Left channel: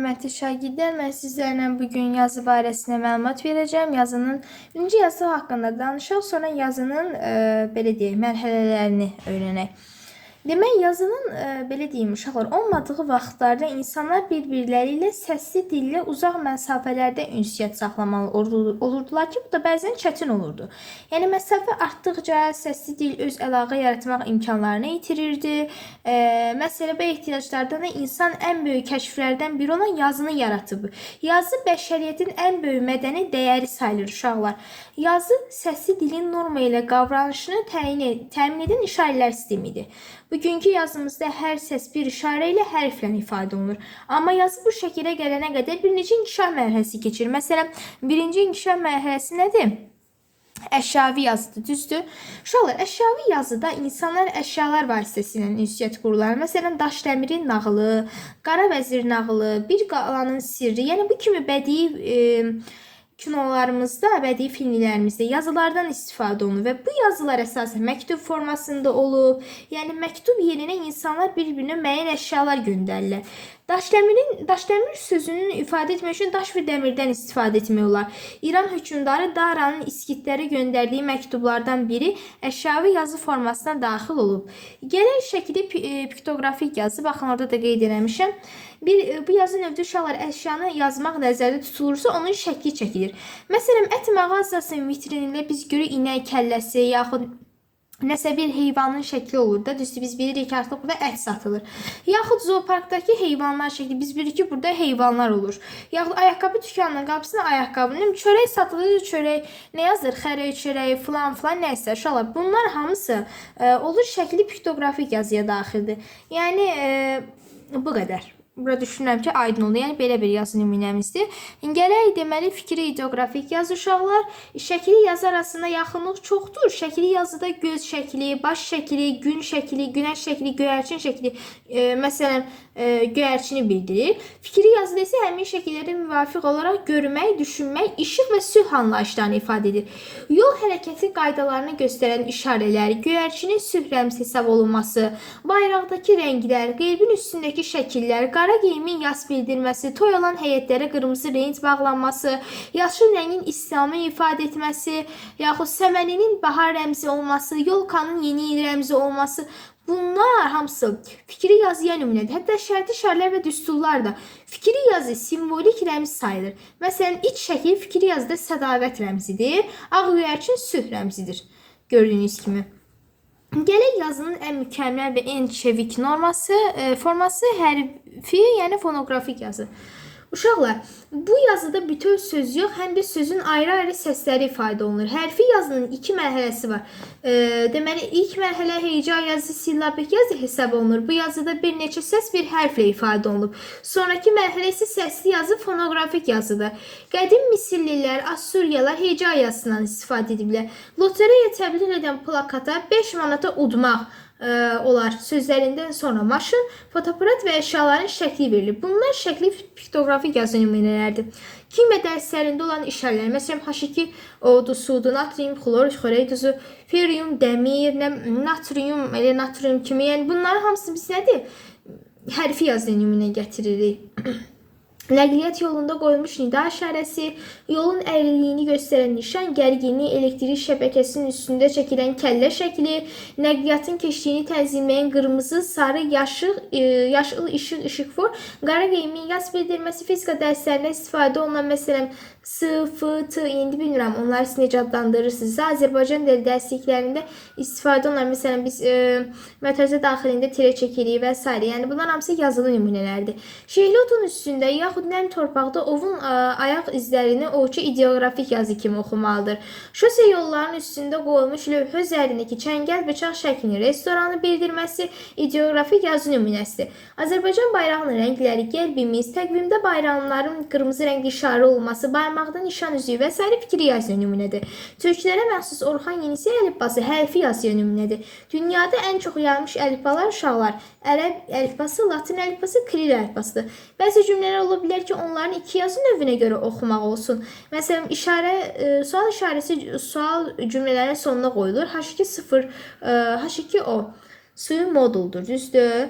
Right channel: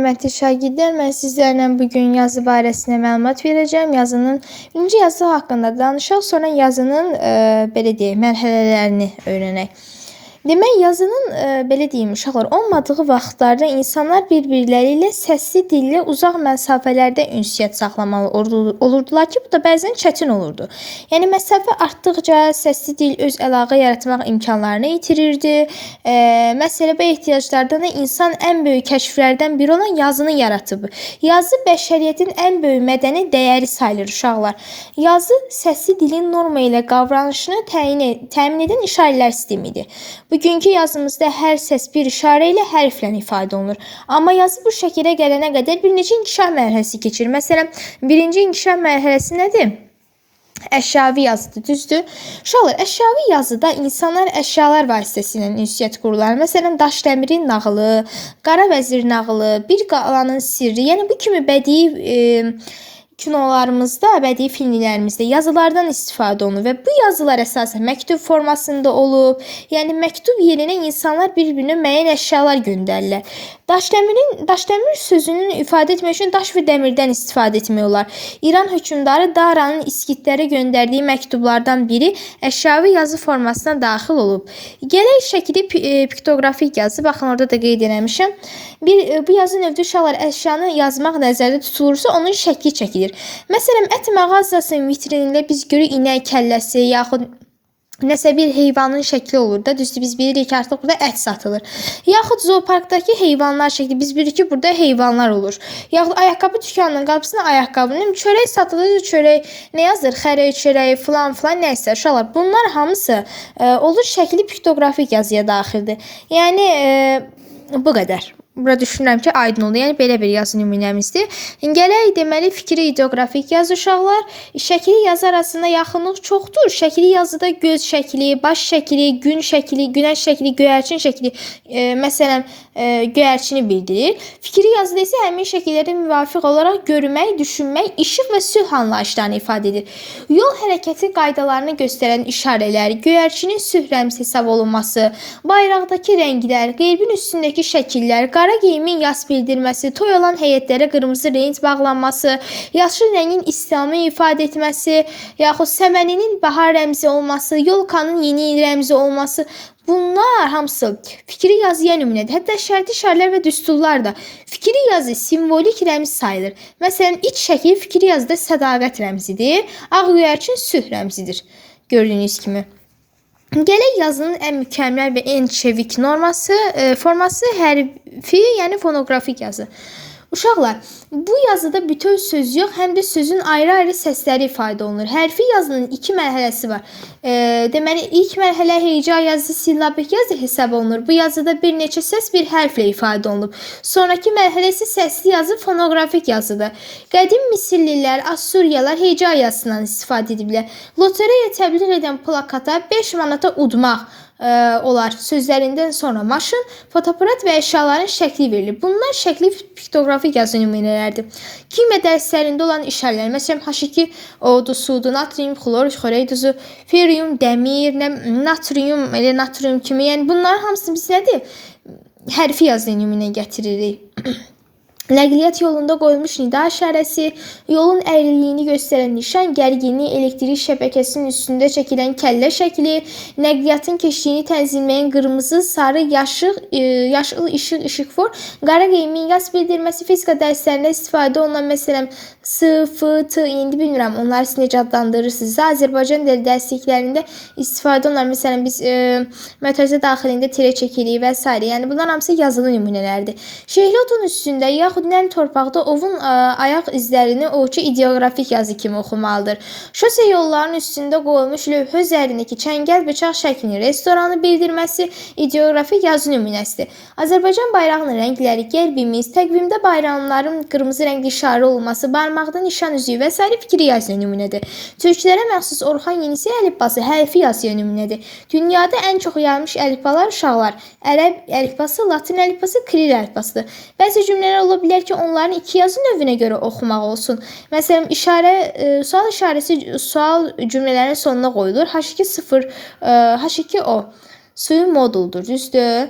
hörmətli şagirdlər, mən sizlərlə bugün yazı barəsində məlumat verəcəm. Yazının birinci yazı haqqında danışaq, sonra yazının belə deyək, mərhələlərini öyrənək. Demək, yazının belə deyim, uşaqlar, olmadığı vaxtlarda insanlar bir-birləri ilə səsli dillə uzaq məsafələrdə ünsiyyət saxlamalı olurdular ki, bu da bəzən çətin olurdu. Yəni məsafə artdıqca səsli dil öz əlaqə yaratmaq imkanlarını itirirdi. Məsələbə ehtiyaclardan da insan ən böyük kəşflərdən biri olan yazını yaratıb. Yazı bəşəriyyətin ən böyük mədəni dəyəri sayılır uşaqlar. Yazı səsli dilin norma ilə qavranışını təmin edən işarələr sistemidir. Bugünkü yazımızda hər səs bir işarə ilə hərflə ifadə olunur. Amma yazı bu şəkilə gələnə qədər bir neçə inkişaf mərhələsi keçir. Məsələn, birinci inkişaf mərhələsi nədir? Əşyavi yazıdır, düzdür? Uşaqlar, əşyavi yazıda insanlar əşyalar vasitəsilə ünsiyyət qururlar. Məsələn, Daşdəmirin nağılı, Qara Vəzir nağılı, Bir qalanın sirri, yəni bu kimi bədii kinolarımızda, bədii filmlərimizdə yazılardan istifadə olunur və bu yazılar əsasən məktub formasında olub. Yəni məktub yerinə insanlar bir-birinə müəyyən əşyalar göndərirlər. Daşdəmir sözünün ifadə etmək üçün daş və dəmirdən istifadə etmək olar. İran hökmdarı Daranın İskitlərə göndərdiyi məktublardan biri əşyavi yazı formasına daxil olub. Gələk şəkili piktoqrafik yazı, baxın orada da qeyd eləmişəm. Bu yazı növü uşaqlar əşyanı yazmaq nəzərdə tutulursa onun şəkli çəkilir. Məsələn, ət mağazasının vitrinində biz görürük inək kəlləsi yaxud nəsə bir heyvanın şəkli olur da, düzdür, biz bilirik ki, artıq burada ət satılır. Yaxud zooparkdakı heyvanlar şəkli, biz bilirik ki, burada heyvanlar olur. Yaxud ayaqqabı dükanının qapısına ayaqqabının çörək satılır, çörək nə yazır? Xərək çörəyi filan nəsə. Uşaqlar, bunlar hamısı olur şəkli piktoqrafik yazıya daxildir. Yəni bu qədər. Burada düşünürəm ki, aydın oldu. Yəni belə bir yazı nümunəmizdir. Gələk deməli fikri ideografik yazı uşaqlar. Şəkli yazı arasında yaxınlıq çoxdur. Şəkli yazıda göz şəkli, baş şəkli, gün şəkli, günəş şəkli, göyərçin şəkli, məsələn, göyərçini bildirir. Fikri yazıda isə həmin şəkillərə müvafiq olaraq görmək, düşünmək, işıq və sülh anlayışlarını ifadə edir. Yol hərəkəti qaydalarını göstərən işarələr, göyərçinin sülh rəmzi hesab olunması, bayraqdakı rənglər, qeybin üstündəki şəkillər, qara geyimin yas bildirməsi, toy olan heyətlərə qırmızı rəng bağlanması, yaşıl rəngin İslamı ifadə etməsi, yaxud səməninin bahar rəmzi olması, yolkanın yeni il rəmzi olması, bunlar hamısı fikri yazıya nümunədir. Hətta şərti işarələr və düsturlar da fikri yazı simvolik rəmz sayılır. Məsələn, iç şəkil fikri yazıda sədaqət rəmzidir, ağ göyərçin sülh rəmzidir. Gördüyünüz kimi. Gələk yazının ən mükəmməl və ən çevik forması hərfi, yəni fonoqrafik yazı. Uşaqlar, bu yazıda bütöv söz yox, həm də sözün ayrı-ayrı səsləri ifadə olunur. Hərfi yazının iki mərhələsi var. Deməli, ilk mərhələ heca yazı, sillabik yazı hesab olunur. Bu yazıda bir neçə səs bir hərflə ifadə olunub. Sonraki mərhələ isə səsli yazı, fonoqrafik yazıdır. Qədim Misirlilər, Assuriyalar heca yazısından istifadə ediblər. Lotereya təbliğ edən plakata 5 manata udmaq olar. Sözlərindən sonra maşın, fotoaparat və əşyaların şəkli verilir. Bunlar şəkli piktoqrafik yazı nümunələrdir. Kimya dərslərində olan işarələr, məsələn, H2 odu, sudu, natrium, xlor, xörək duzu, ferium, dəmir, natrium, elə natrium kimi. Yəni bunların hamısını biz nədir? Hərfi yazı nümunə gətiririk. Nəqliyyat yolunda qoyulmuş nida işarəsi, yolun əyriliyini göstərən nişan, gərginlik, elektrik şəbəkəsinin üstündə çəkilən kəllə şəkli, nəqliyyatın keçdiyini tənzimləyən qırmızı, sarı, yaşıl, işıqfor, qara geyimin yas bildirməsi, fizika dərslərində istifadə olunan, məsələn, S, F, T, indi bilmirəm, onları siz necə adlandırırsınız. Azərbaycan dili dərsliklərində istifadə olunan, məsələn, biz mötərizə daxilində tirə çəkirik və s. Yəni, bunlar hamısı yazılı nümunələrdir. Şehli otun üstündə, yaxud nəm torpaqda ovun ayaq izlərini ovçu ideografik yazı kimi oxumalıdır. Şose yollarının üstündə qoyulmuş lövhə üzərindəki çəngəl bıçaq şəklini restoranı bildirməsi ideografik yazı nümunəsidir. Azərbaycan bayrağının rəngləri, qəlbimiz, təqvimdə bayramların qırmızı rəngli işarə olması, barmaqda nişan üzüyü və s. fikri yazı nümunədir. Türklərə məxsus Orxan Yenisi əlifbası hərfi yazı nümunədir. Dünyada ən çox yayılmış əlifbalar uşaqlar, ərəb əlifbası, latin əlifbası, kiril əlifbasıdır. Bəzi cümlələr ola bilər ki, onların iki yazı növünə görə oxumaq olsun. Məsələn, sual işarəsi sual cümlələrin sonuna qoyulur. H2 0, H2 o. Suyun moduldur, düzdür?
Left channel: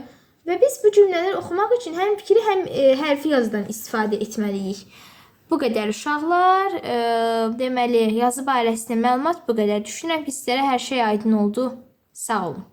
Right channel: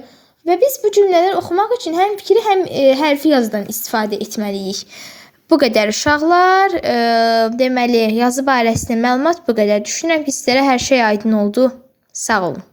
Və biz bu cümlələri oxumaq üçün həm fikri, həm hərfi yazıdan istifadə etməliyik. Bu qədər uşaqlar. Deməli, yazı barəsində məlumat bu qədər. Düşünürəm ki, sizlərə hər şey aydın oldu. Sağ olun.